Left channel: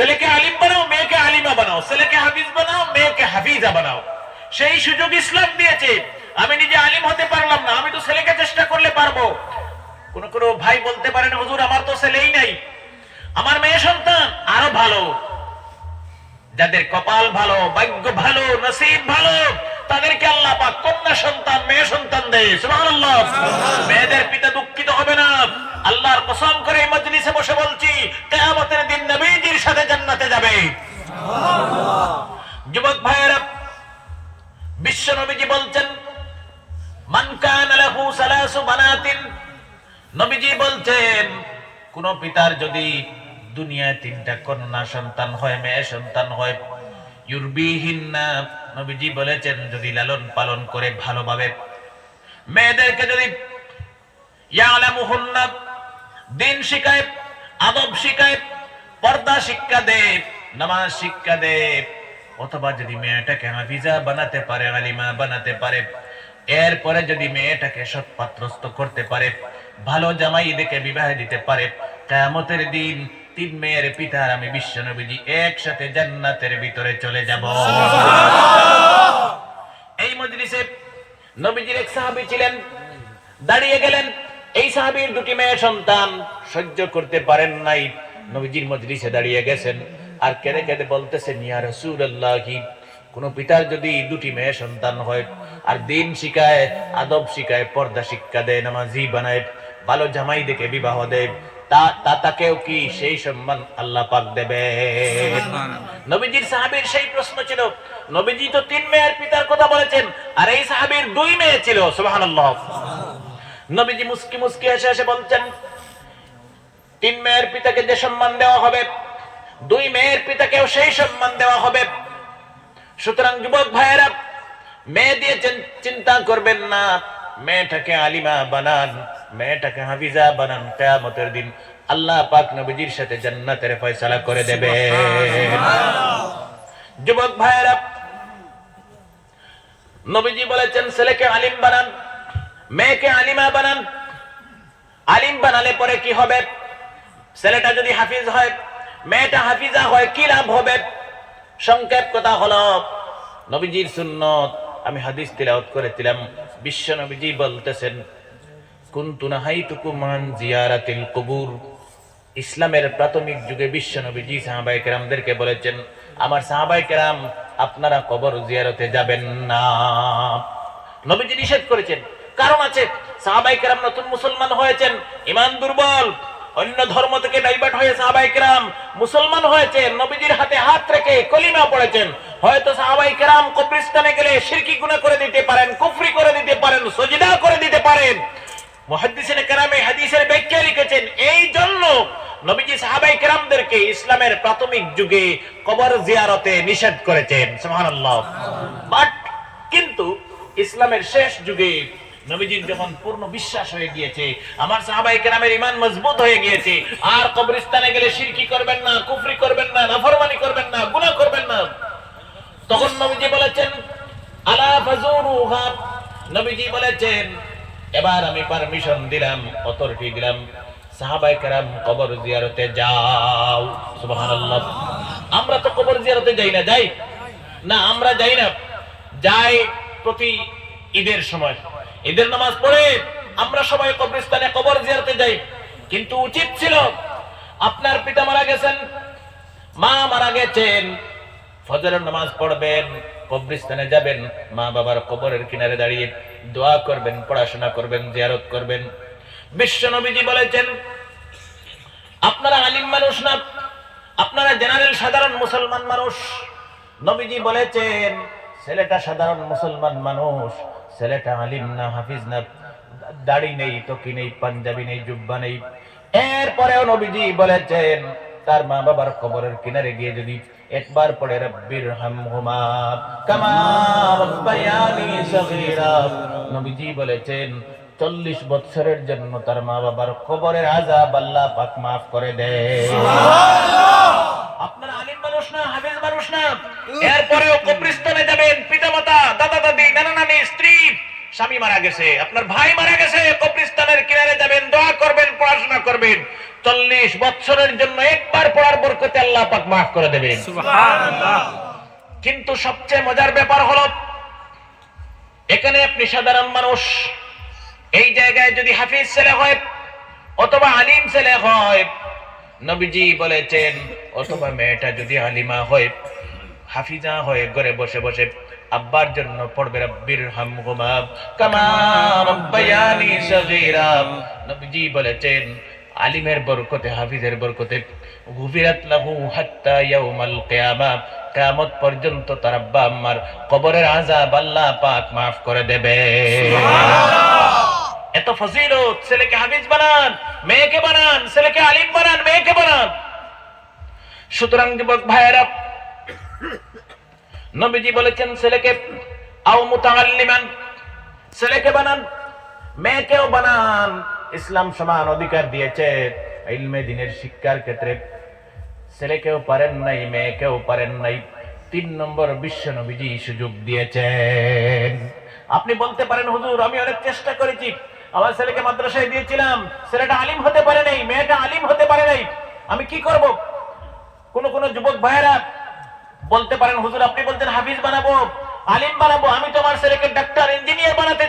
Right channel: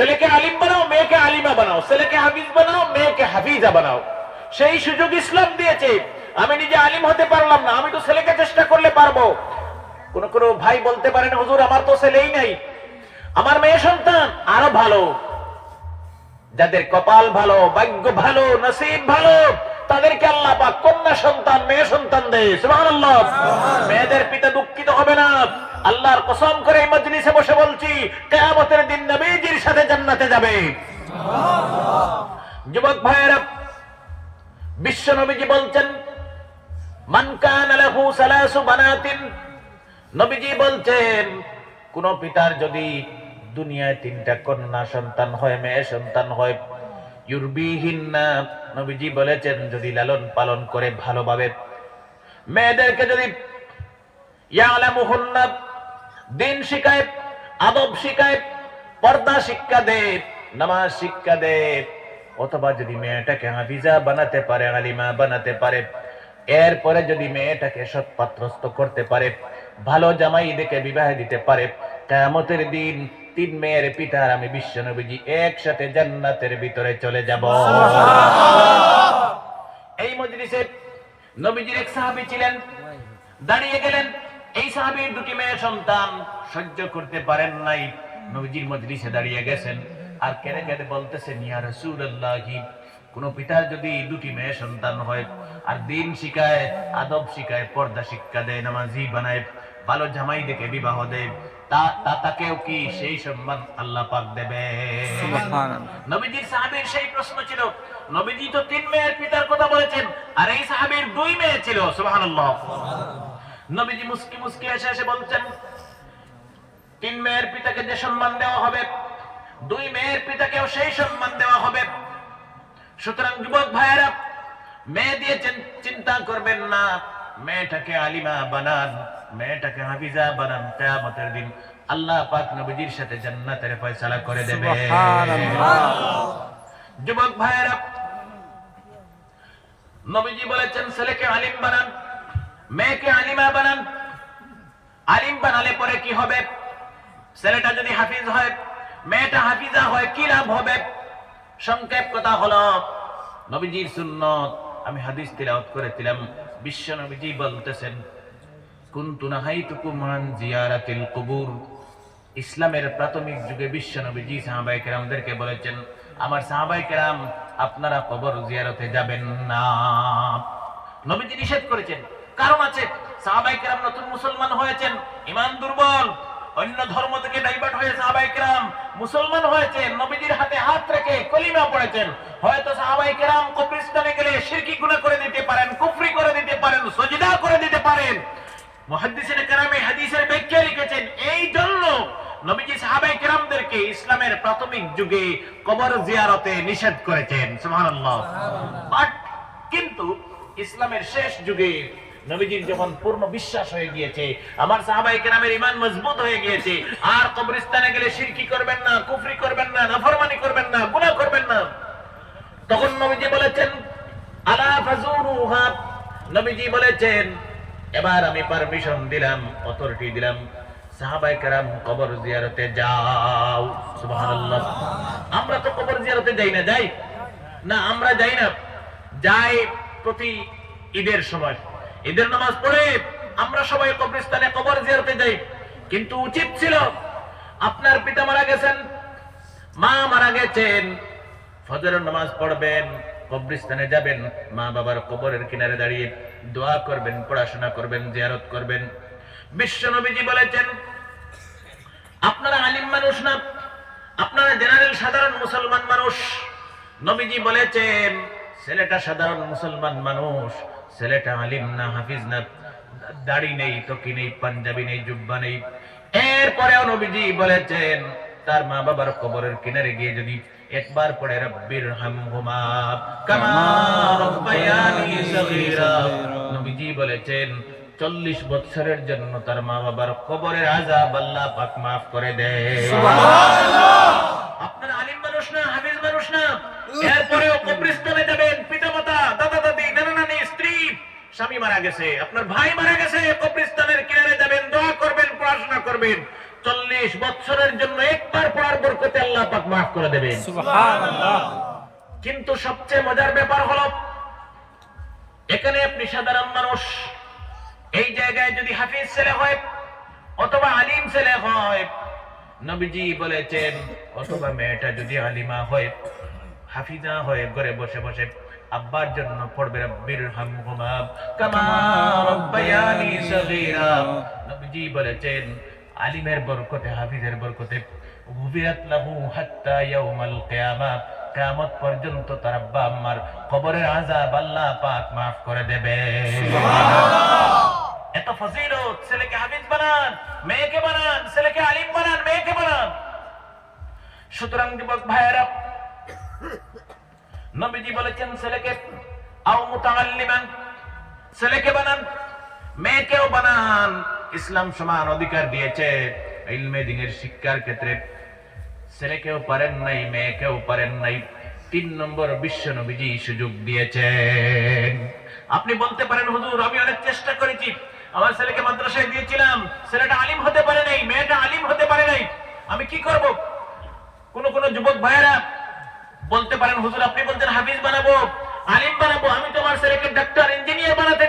ছেলেকে আলিম বানাও, মেয়েকে আলিমা বানাও, ছেলেকে হাফিজ বানাও, মেয়েকে হাফিজা বানাও। সেই সুযোগ ইসলাম দিয়েছে। আমি নিজে আলিম হতে পারলাম না, আমি তো ছেলেকে চেষ্টা করলে পারবো। কোন কোন ভাই বলতে পারেন, হুজুর আমার তো ছেলেই নাই, আমার মেয়ে সন্তান। আরো ভালো, যাদের কপাল ভালো, ভাগ্য ভালো, নসিব ভালো, তাদেরকে আল্লাহ পাক কন্যা সন্তান, মেয়ে সন্তান দেয়। সুবহানাল্লাহ। মেয়েদের পিতা দুঃখিত হবে না। আল্লাহর কসম করে এই মজলিসে বসে বলছি, কিয়ামতের দিন নবীজির সাথে জান্নাতে যাবে। যুবক ভাইরা, বিশ্ব নবীজি বলছেন, মান কানা লাহু সালাসু বানাতিন, নবীজি বলছেন, কোন পিতার যদি দুনিয়ায় 3টা কন্যা সন্তান হয়, মেয়ে সন্তান হয়, ইউরবিহিন্না, নবীজি বলেছেন যদি লালন পালন করে ভালোভাবে, মেয়েদেরকে যদি ইয়ালামুহুন্না, দিন শিখায়, আদব শিখায়, পর্দা শিক্ষা দেয়, নামাজ শিক্ষা দেয়, অথবা যদি মেয়েটাকে হাফিজা বানাতে পারে, আলিমা বানাতে পারে, এরপরে যদি মেয়েটাকে সৎপাত্রস্থ করতে পারে, ভালো জামাই দেখে বিবাহ দিতে পারে, কিয়ামতের দিন 3 মেয়ের পিতা আমি বিশ্ব নবীজি একসাথে জান্নাতের ভিতরে চলে যাব। এই মজলিসে নবীজির এক সাহাবী ছিলেন, দাঁড়িয়ে গেলেন। এই সাহাবীর 2টি মেয়ে সন্তান, সহ্য করতে পারেন নাই, নবীজির মজলিসে দাঁড়িয়ে গেছেন আর কেঁদে কেঁদে বলতেছেন, ইয়া রাসূলুল্লাহ, কোন পিতার যদি 2টি মেয়ে সন্তান হয় আর দিন শিখায়, আদব শিখায়, পর্দা শিক্ষা দেয়, নামাজি বানায়, ভালো জামাই দেখে বিবাহ দেয়, তাকেও কি সেই সম্মান আল্লাহ পাক দেবে? নবীজির সাহাবীর সেই প্রশ্ন ছিল। নবীজি তো 3 মেয়ের পিতার কথা বলেছেন, আর এই সাহাবীর 2 মেয়ে ছিল। সুবহানাল্লাহ। নবীজি মুস্কি মুস্কি এসে এসে বলছেন, 3 মেয়ের পিতাকে যে সম্মান দেওয়া হবে, 2 মেয়ের পিতাকেও সেই সম্মান দেওয়া হবে। সুতরাং যুবক ভাইয়েরা, মেয়ে দিয়ে চিন্তা করবেন না, মেয়েটাকে আলিমা বানান, মেয়েটাকে হাফিজা বানান, কিয়ামতের দিন আল্লাহ পাক নবীজির সাথে জান্নাতের ফয়সালা করে দেবে। যুবক ভাইয়েরা, নবীজি বলেছেন ছেলেকে আলিম বানান, মেয়েকে আলিমা বানান। আলিম বানালে পরে কি হবে? ছেলেটা যদি হাফিজ হয়, মেয়েটা হাফিজা হয়, কি লাভ হবে? সংক্ষেপ কথা হলো, নবীজির সুন্নত, আমি হাদিস তিলাওয়াত করেছিলাম, বিশ্ব নবীজি বলতেছেন, কুনতু নাহাইতুকুম আন জিয়ারাতিল কুবুর। ইসলামের প্রাথমিক যুগে বিশ্ব নবীজি সাহাবায়ে কেরামদেরকে বলেছেন, আমার সাহাবায়ে কেরাম, আপনারা কবর জিয়ারতে যাবেন না। নবীজি নিষেধ করেছেন, কারণ আছে। সাহাবায়ে কেরাম নতুন মুসলমান হয়েছেন, ঈমান দুর্বল, অন্য ধর্ম থেকে ডাইভার্ট হয়ে সাহাবায়ে কেরাম মুসলমান হয়েছেন, নবীজির হাতে হাত রেখে কলিমা পড়েছেন। হয়তো সাহাবায়ে কেরাম কবরস্থানে গেলে শিরকি গুনাহ করে দিতে পারেন, কুফরি করে দিতে পারেন, সাজদা করে দিতে পারেন। মুহাদ্দিসিনে কেরামে হাদিসের ব্যাখ্যা লিখেছেন, এই জন্য নবীজি সাহাবায়ে কেরামদেরকে ইসলামের প্রাথমিক যুগে কবর জিয়ারতে নিষেধ করেছেন। সুবহানাল্লাহ। বাট কিন্তু ইসলামের শেষ যুগে নবীজির যখন পূর্ণ বিশ্বাস হয়ে গিয়েছে, আমার সাহাবায়ে কেরামের ঈমান মজবুত হয়ে গিয়েছে, আর কবরস্থানে গেলে শিরকি করবেন না, কুফরি করবেন না, নাফরমানি করবেন না, গুনাহ করবেন না, তখন নবীজি বলেছেন, আলা ফাজুরুহা, নবীজি বলেছেন, এবার আমি পারমিশন দিলাম, অথরিটি দিলাম, সাহাবায়ে কেরাম কবর জিয়ারতে যাও। সুবহানাল্লাহ। আমরা তো কবর জিয়ারতে যাই না, যাই না? আমরা যাই না, যাই প্রতি ঈদের সময়, ঈদের নামাজ পড়ে আমরা সবাই কবরস্থানে কবর জিয়ারতে যাই। কিন্তু উচিত ছিল, আপনার পিতা মারা গেছেন, মা মারা গেছেন, ফজরের নামাজ পড়বেন, কবরস্থানে যাবেন, মা বাবার কবরের কিনারে দাঁড়িয়ে দোয়া করবেন, পড়াশোনা করবেন, জিয়ারত করবেন। বিশ্ব নবীজি বলেছেন, আপনারা আলিম মানুষ না, আপনারা জেনারেল সাধারণ মুসলমান মানুষ। নবীজি বলেছেন, ছেলেটা সাধারণ মুসলমান মানুষ, ছেলেটা আলিম না, হাফিজ না, দাড়ি নেই, টকি নেই, পাঞ্জাবি নেই, জুব্বা নেই। এরপরেও নবীজি বলেছেন, তার মা বাবার কবরের কিনারে গিয়ে যদি একবার পড়ে, রব্বির হামহুমা কামা রাব্বায়ানি সগীরা, নবীজি বলেছেন 40 বছরের জন্য তার মা বাবার কবরের আযাব আল্লাহ পাক maaf করে দেয়। সুবহানাল্লাহ। আপনারা আলিম মানুষ না, হাফেজ মানুষ না, এরপরেও কবরস্থানে যাবেন, পিতামাতা, দাদা দাদি, নানা নানি, স্ত্রী, স্বামী মারা গেছে, আপনার ভাই মারা গেছে, কবরস্থানের কিনারে যাবেন, দোয়া করবেন, পড়াশোনা করবেন। 40 বছরের জন্য একবার পড়ার বরকতে আল্লাহ পাক মাফ করে দেবেন। সুবহানাল্লাহ। কিন্তু সবচেয়ে মজার ব্যাপার হলো, এখানে আপনি সাধারণ মানুষ, এই জায়গায় যদি হাফিজ ছেলে হয় অথবা আলিম ছেলে হয়, নবীজি বলেছেন, অথবা মেয়েটা যদি আলিমা হয়, হাফিজা হয়ে ঘরে বসে বসে আব্বার জন্য পড়বে রাব্বির হামহুমা কামা রাব্বায়ানি সগীরা। নবীজি বলেছেন, আলিমের বরকতে, হাফিজের বরকতে গুফিরাত লাহু হাত্তা ইয়াউমাল কিয়ামা, কিয়ামত পর্যন্ত তার আব্বা আম্মার কবরের আযাব আল্লাহ পাক maaf করে দেবে। এত ফজিলত, ছেলেকে হাফিজ বানান, মেয়েকে বানান, ছেলেকে আলিম বানান, মেয়েকে বানান। সুতরাং যুবক ভাইয়েরা, নবীজি বলেছেন ছেলেকে আও মুতাআল্লিমান, ছেলেকে বানান, মেয়েকেও বানান। ইসলাম সমান অধিকার দিয়েছে ইলমে দ্বীনের শিক্ষার ক্ষেত্রে। ছেলেকেও পারেন নাই, মেয়েকেও পারেন নাই, 3 নম্বর বিশ্ব নবীজি সুযোগ দিয়েছেন। আপনি বলতে পারেন, হুজুর আমি অনেক চেষ্টা করেছি, আমার ছেলেকে মাদ্রাসায় দিয়েছিলাম, ছেলেটা আলিম হতে পারে নাই, মেয়েটা আলিম হতে পারে নাই, আমি কি করব? কোন কোন যুবক ভাইয়েরা বলতে পারেন, হুজুর আপনি বলছেন হাফিজ বানাবো, আলিম বানাবো, আমি তো আমার ছেলেকে ডাক্তার, ইঞ্জিনিয়ার বানাতে